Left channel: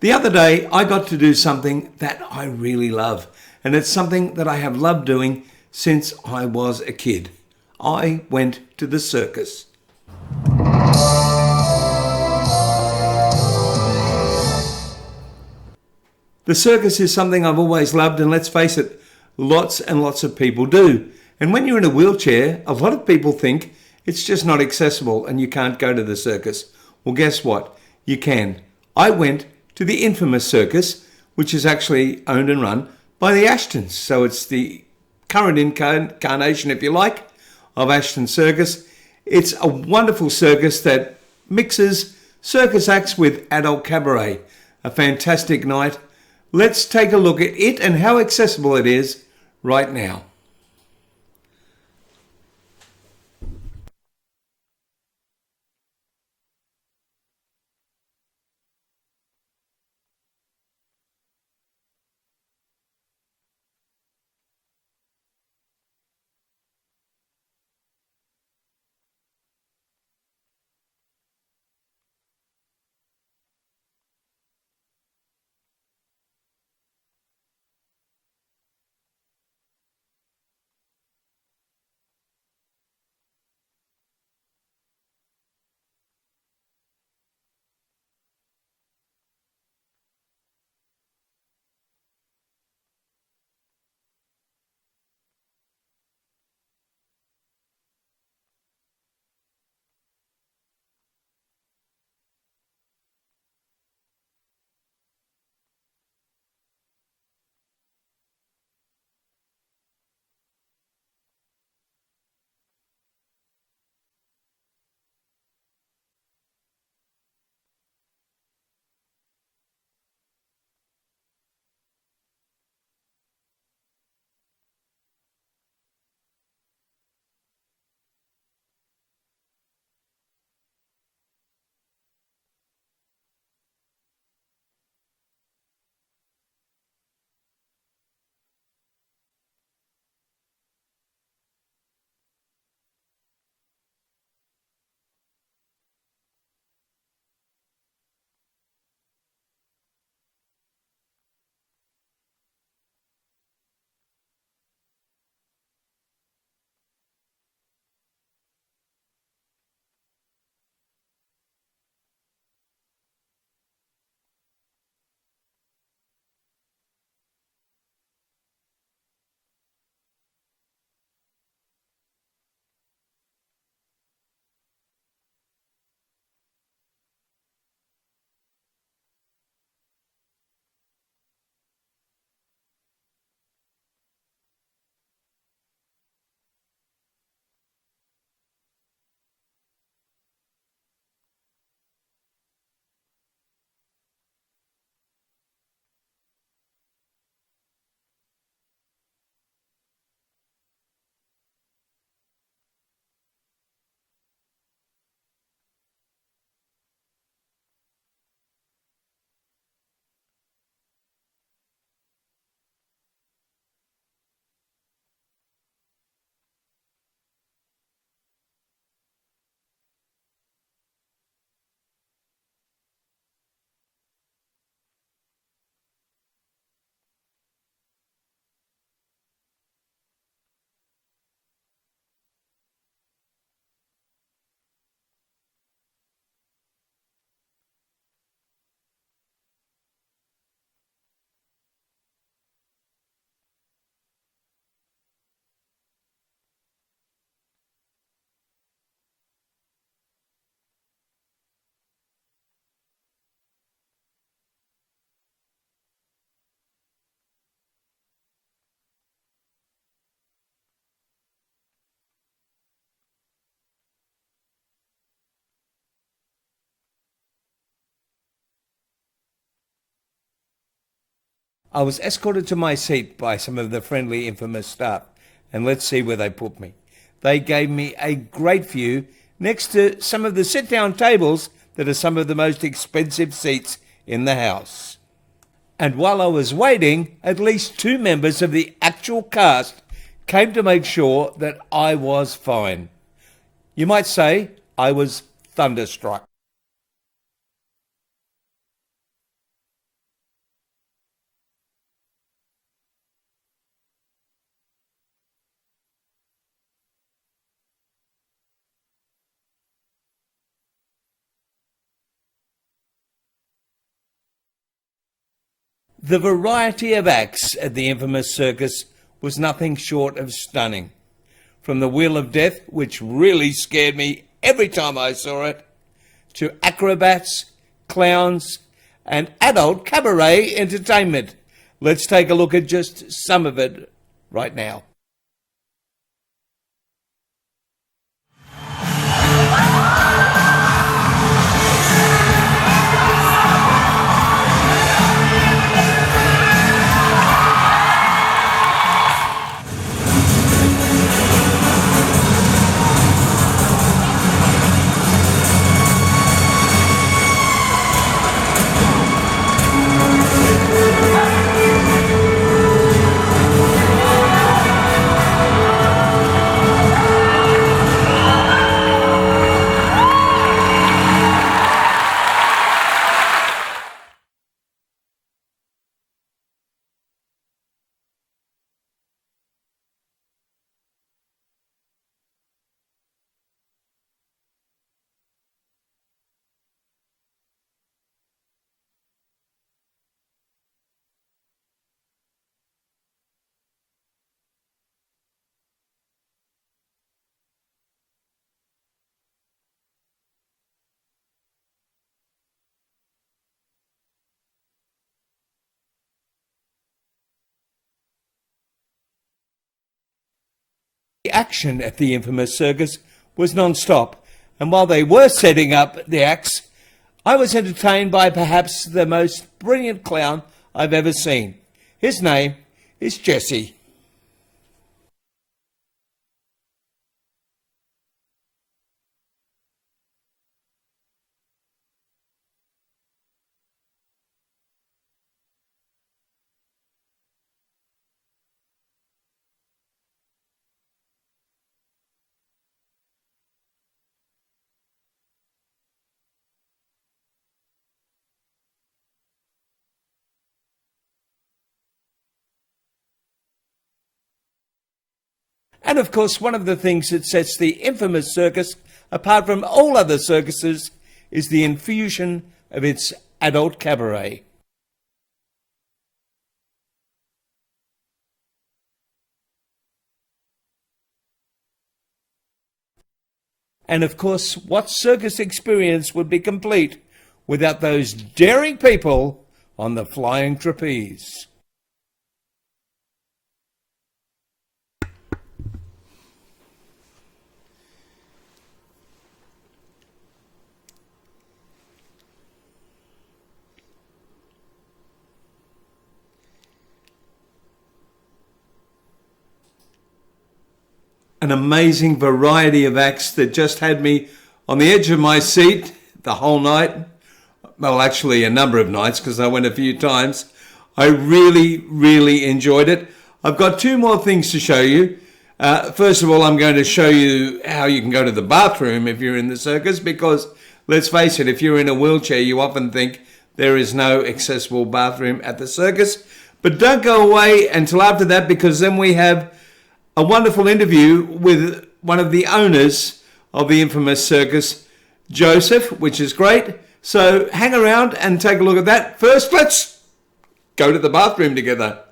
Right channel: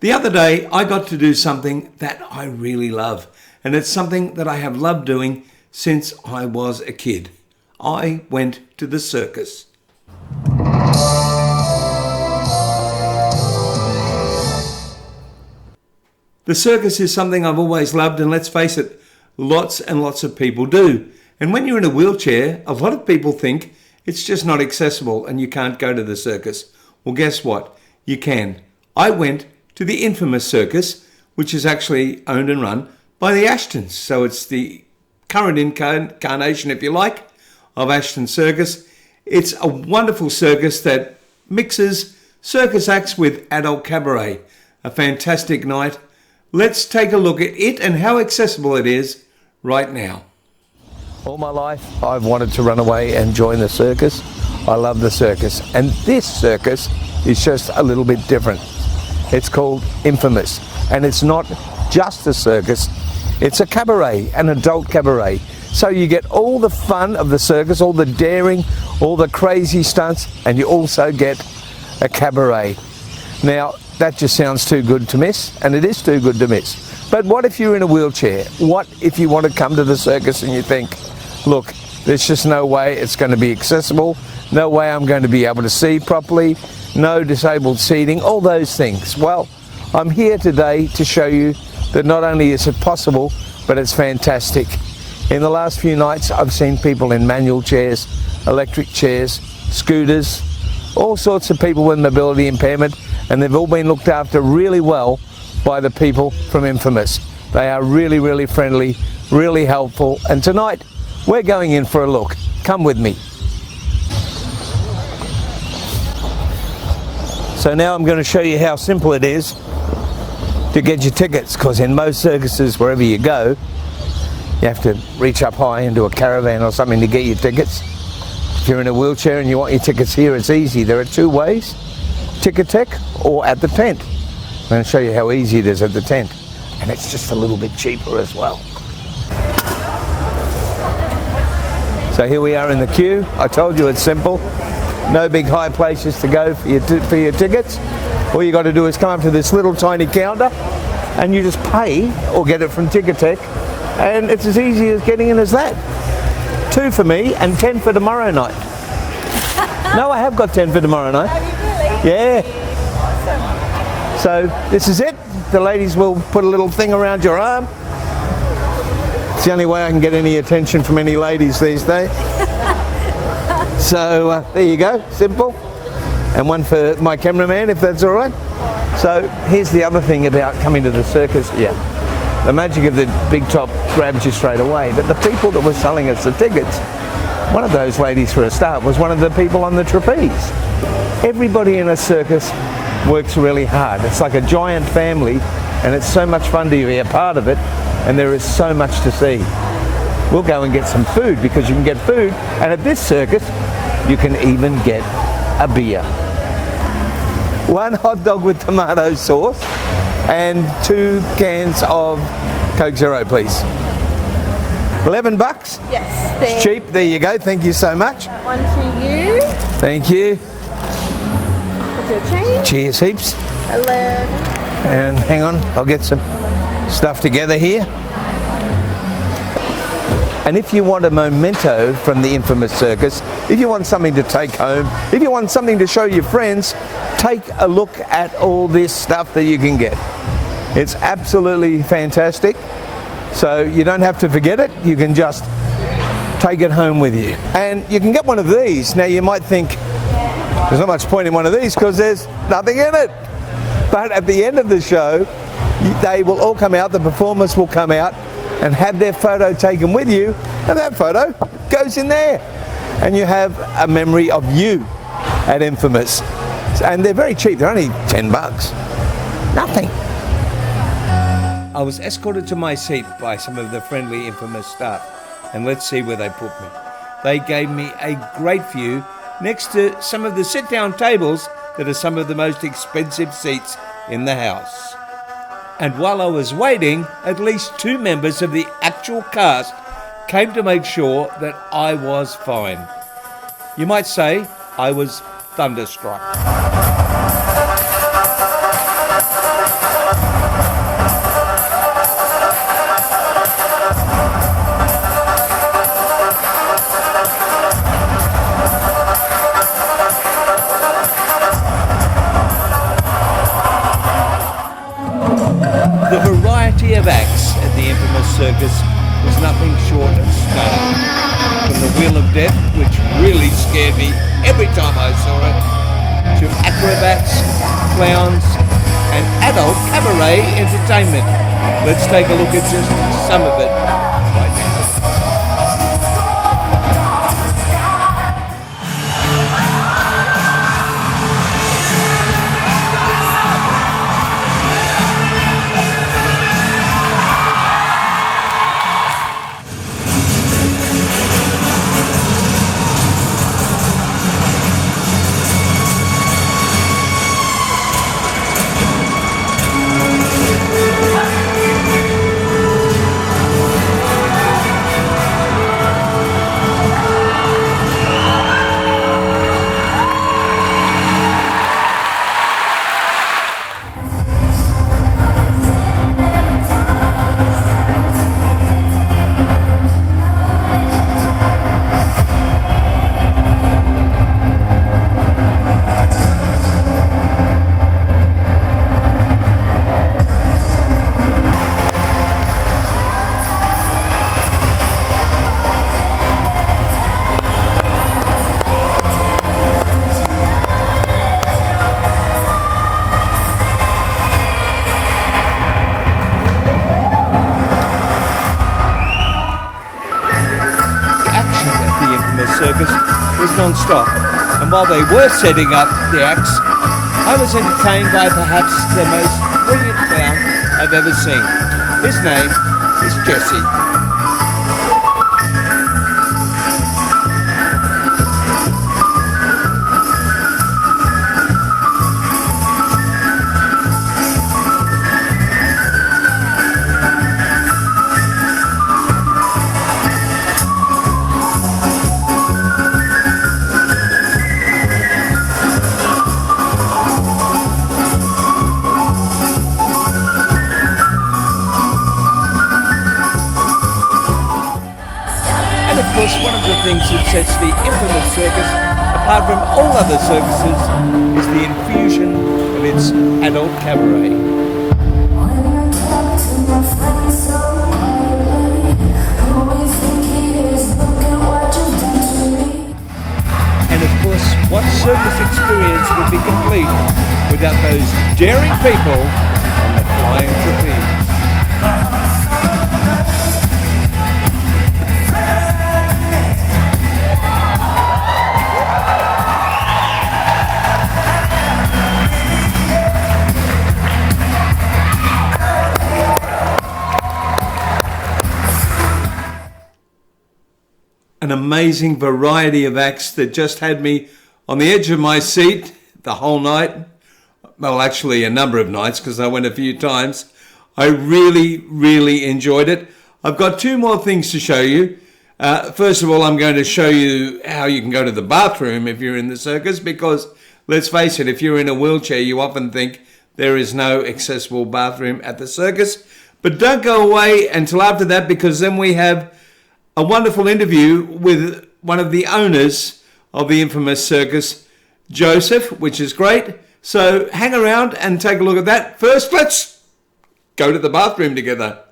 The other day, I got to do something that I really love, and it's something that I have loved doing since I was a kid. I went to the circus. The circus is something I've always loved, and let's face it, lots and lots of people do. And when you're in a wheelchair, a lot of people think it's just not accessible and you can't go to the circus. Well, guess what? You can. I went to the infamous circus, which is actually owned and run by the Ashtons. So it's the current incarnation, if you like, of Ashton Circus. It's a wonderful circus that mixes circus acts with adult cabaret. A fantastic night. Let's take a look at it and how accessible it is right now. All my life, I've wanted to run away and join the circus. I love the circus. And this circus is just a little bit different. It's called Infamous. And it's not just a circus, it's a cabaret, an adult cabaret. So you get all the fun of the circus, all the daring, all the crazy stunts, and you also get a cabaret. Now, that just sounds too good to miss, and it is too good to miss. But what if you're in a wheelchair? What if you want to come to the circus and you think, look, there's just no way it's going to be accessible, no way I'm going to be able to see properly, no disabled seating, all those things. Well, I'm here today to show you that not only is it possible, but it's fantastic. In the last few nights, I've seen people in manual chairs, electric chairs, scooters, all sorts of people with mobility impairment, and they've all been looked after really well by the people from Infamous. They are really, really friendly, really helpful, and tonight we're going in for a look. Come with me. So now I'm going to show you how simple it is to get your tickets, because in most circuses, wherever you go, you have to reach up high into a caravan or something to get your tickets. If you're in a wheelchair and you want your tickets here, it's easy. There are two ways, Ticketek or at the tent. I'm going to show you how easy it is at the tent. And it's just a little bit cheaper as well. So here we are in the queue. I told you it's simple. No big high places to go for your tickets. All you got to do is come up to this little tiny counter and you just pay or get it from Ticketek. And it's as easy as getting in as that. 2 for me and 10 for tomorrow night. No, I have got 10 for tomorrow night. Have you really? Yeah. Awesome. So this is it. The ladies will put a little thing around your arm. It's the only way I can get any attention from any ladies these days. So there you go, simple. And one for my cameraman, if that's all right. So here's the other thing about coming to the circus. Yeah. The magic of the big top grabs you straight away. But the people that were selling us the tickets, one of those ladies for a start was one of the people on the trapeze. Everybody in a circus works really hard. It's like a giant family, and it's so much fun to be a part of it, and there is so much to see. We'll go and get some food, because you can get food, and at this circus you can even get a beer. 1 hot dog with tomato sauce and 2 cans of Coke Zero, please. $11? Yes. It's cheap. There you go. Thank you so much. That one to you. Thank you. With your change. Cheers heaps. 11. And hang on, I'll get some stuff together here. And if you want a memento from the Infamous Circus, if you want something to take home, if you want something to show your friends, take a look at all this stuff that you can get. It's absolutely fantastic. So you don't have to forget it, you can just take it home with you. And you can get one of these. Now you might think, there's not much point in one of these because there's nothing in it. But at the end of the show, they will all come out, the performers will come out and have their photo taken with you, and that photo goes in there. And you have a memory of you at Infamous. And they're very cheap, they're only $10. Nothing. I was escorted to my seat by some of the friendly Infamous staff, and let's see where they put me. They gave me a great view next to some of the sit-down tables that are some of the most expensive seats in the house. And while I was waiting, at least 2 members of the actual cast came to make sure that I was fine. You might say I was thunderstruck. The variety of acts at the infamous circus was nothing short of stunning. From the Wheel of Death, which really scared me every time I saw it, to acrobats, clowns, and adult cabaret entertainment. Let's take a look at just some of it right now. Action at the infamous circus was non-stop, and while they were setting up the acts, I was entertained by perhaps the most brilliant clown I've ever seen. His name is Jesse. And of course, one of the things that sets the infamous circus apart from all other circuses is the infusion of its adult cabaret. And of course, what circus experience would be complete without those daring people on the flying trapeze? An amazing variety of acts that just had me on the edge of my seat the whole night. Well, actually a number of nights because I went a few times. I really enjoyed it. I've got two more things to show you. First of all, I'm going to show you how you can go to the bathroom if you're in the circus, because let's face it, if you're in a wheelchair, you often think there is no accessible bathroom at the circus. But don't go away until after that, because then we have a wonderful interview with one of the owners of the infamous circus, Joseph, which is great. So hang around and take a look at that. First, let's go to the bathroom together.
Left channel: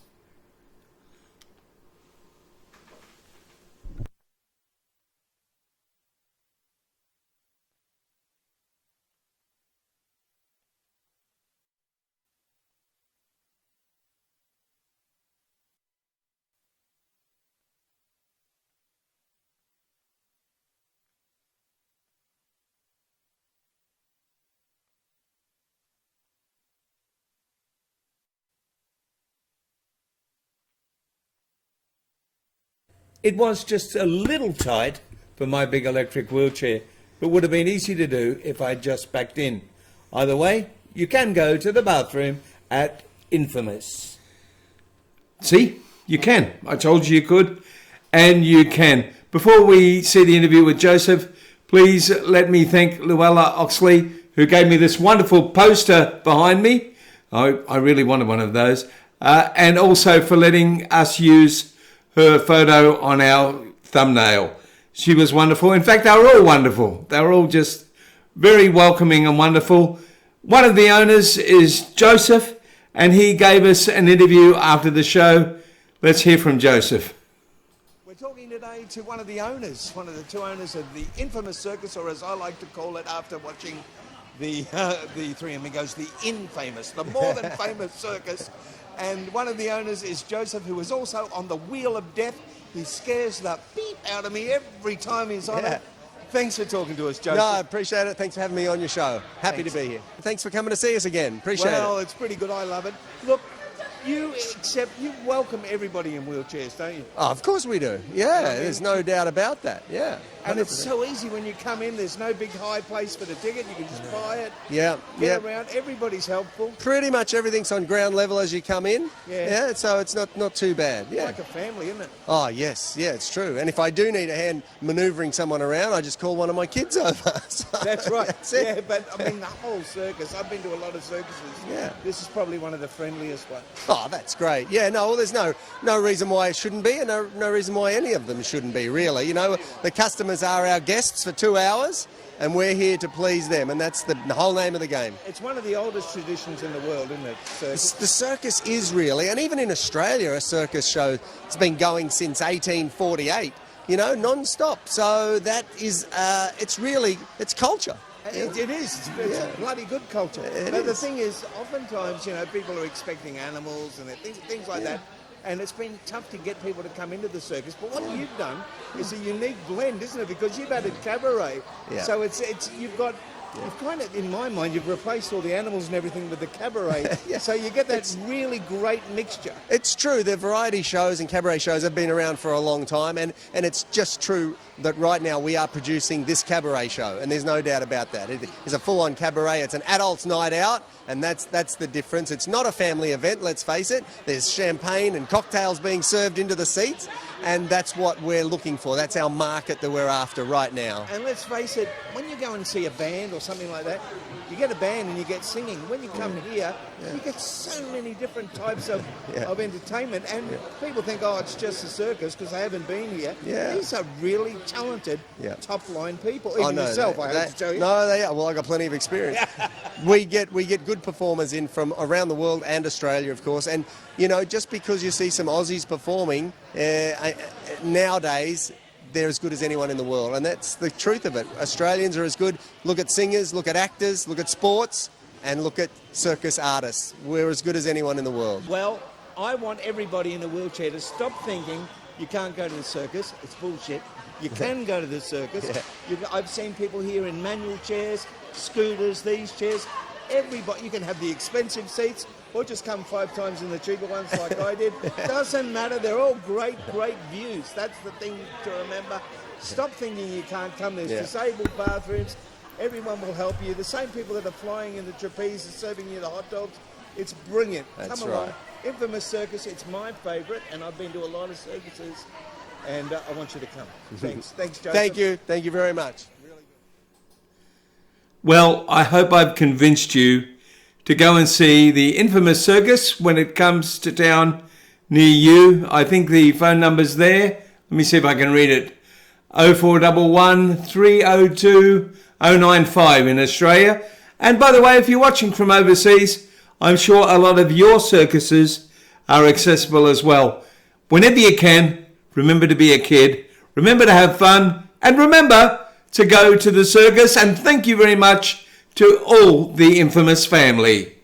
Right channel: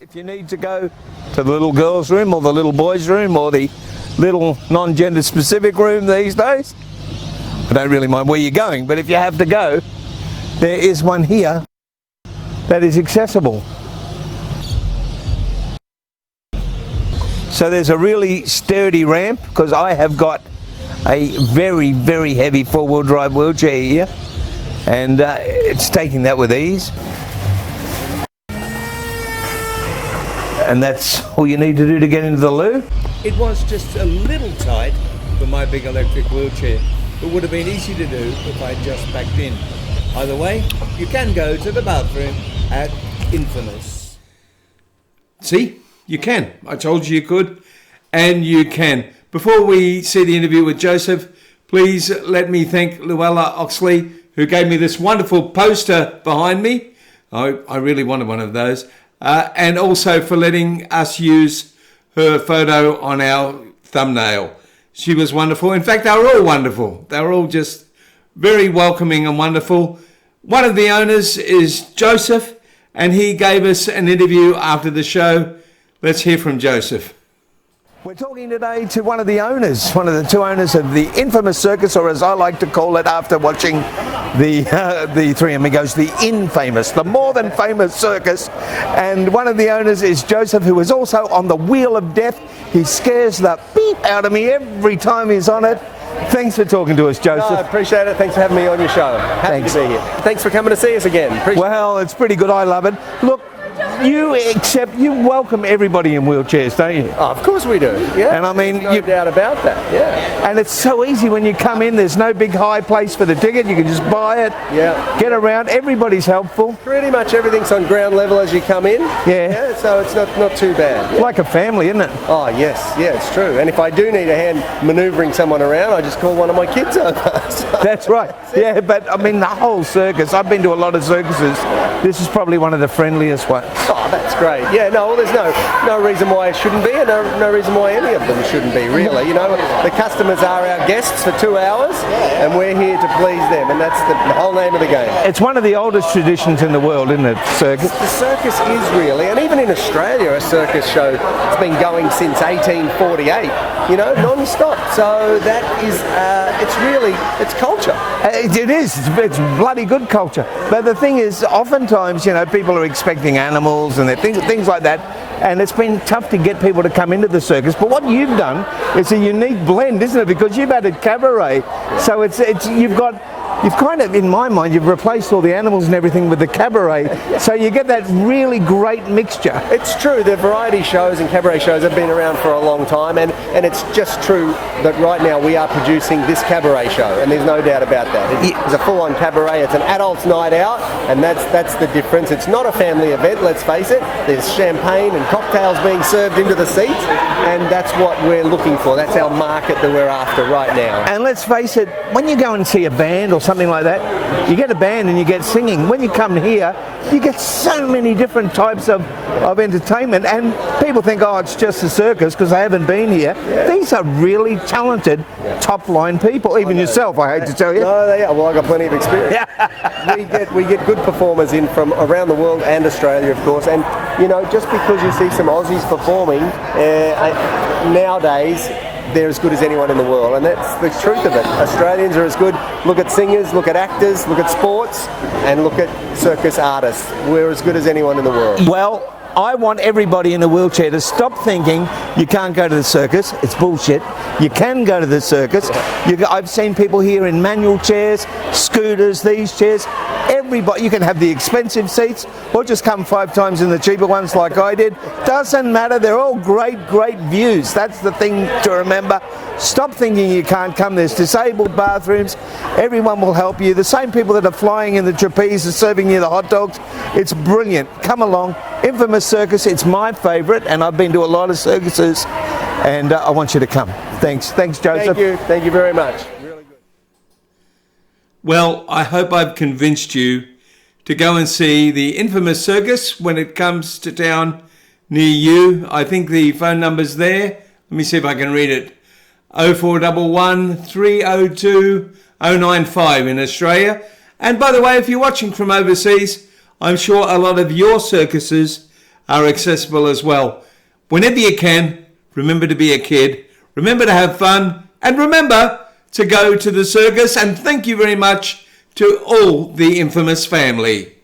If you need to go to the little girls' room or the little boys' room or the little non-gender specific room these days, I don't really mind where you're going, but if you have to go, there is one here that is accessible. So there's a really sturdy ramp, because I have got a very heavy four-wheel drive wheelchair here, and it's taking that with ease. And that's all you need to do to get into the loo. It was just a little tight for my big electric wheelchair. It would have been easy to do if I'd just backed in. Either way, you can go to the bathroom at Infamous. See? You can. I told you you could, and you can. Before we see the interview with Joseph, please let me thank Luella Oxley, who gave me this wonderful poster behind me. I really wanted one of those. And also for letting us use her photo on our thumbnail. She was wonderful. In fact, they were all wonderful. They were all just very welcoming and wonderful. One of the owners is Joseph, and he gave us an interview after the show. Let's hear from Joseph. We're talking today to one of the owners, one of the two owners of the infamous circus, or as I like to call it after watching the Three Amigos, the infamous, the more than famous circus. And one of the owners is Joseph, who is also on the Wheel of Death. He scares the beep out of me every time he's on it. Thanks for talking to us, Joseph. No, I appreciate it. Thanks for having me on your show. Happy to be here. Thanks for coming to see us again. Appreciate Well, it. it's pretty good. I love it. Look, you welcome everybody in wheelchairs, don't you? Oh, of course we do. Yeah, And I mean, there's no doubt about that. Yeah. And it's so easy when you come in. There's no big high place for the ticket. You can just buy it. Yeah. Get around. Everybody's helpful. Pretty much everything's on ground level as you come in. Yeah. So it's not too bad. Yeah. Like a family, isn't it? Oh yes, yeah, it's true. And if I do need a hand manoeuvring someone around, I just call one of my kids over. So That's right. Yeah, but I mean the whole circus. I've been to a lot of circuses. This is probably one of the friendliest ones. Oh, that's great. Yeah, no, there's no reason why it shouldn't be, and no reason why any of them shouldn't be, really. You know, the customers are our guests for 2 hours, and we're here to please them, and that's the whole name of the game. It's one of the oldest traditions in the world, isn't it, circus? The circus is really, and even in Australia, a circus show has been going since 1848, you know, non-stop. So that is, it's culture. It is. It's bloody good culture. But the thing is, oftentimes, you know, people are expecting animals and things like that. And it's been tough to get people to come into the circus. But what you've done is a unique blend, isn't it? Because you've added cabaret. So you've kind of, in my mind, you've replaced all the animals and everything with the cabaret. So you get that really great mixture. It's true, the variety shows and cabaret shows have been around for a long time, and it's just true that right now we are producing this cabaret show, and there's no doubt about that. It's a full-on cabaret, it's an adult's night out, and that's the difference. It's not a family event, let's face it. There's champagne and cocktails being served into the seats, and that's what we're looking for. That's our market that we're after right now. And let's face it, when you go and see a band or something like that, you get a band and you get singing. When you come here, you get so many different types of entertainment, and people think, oh, it's just a circus because they haven't been here. Yeah. These are really talented, top-line people. Even yourself, I hate to tell you. No, well, I've got plenty of experience. we get good performers in from around the world and Australia, of course. And you know, just because you see some Aussies performing nowadays, they're as good as anyone in the world, and that's the truth of it. Australians are as good. Look at singers, look at actors, look at sports, and look at circus artists. We're as good as anyone in the world. Well, I want everybody in a wheelchair to stop thinking you can't go to the circus. It's bullshit. You can go to the circus. I've seen people here in manual chairs, scooters, these chairs. Everybody, you can have the expensive seats or just come 5 times in the cheaper ones like I did. Doesn't matter. They're all great views. That's the thing to remember. Stop thinking you can't come. There's disabled bathrooms. Everyone will help you. The same people that are flying in the trapeze are serving you the hot dogs. It's brilliant. Come along. Infamous Circus. It's my favourite, and I've been to a lot of circuses, and I want you to come. Thanks, Joseph. Thank you very much. Really good. Well, I hope I've convinced you to go and see the Infamous Circus when it comes to town near you. I think the phone number's there. Let me see if I can read it. 0411 302 095 in Australia. And by the way, if you're watching from overseas, I'm sure a lot of your circuses are accessible as well. Whenever you can, remember to be a kid, remember to have fun, and remember to go to the circus. And thank you very much to all the Infamous family.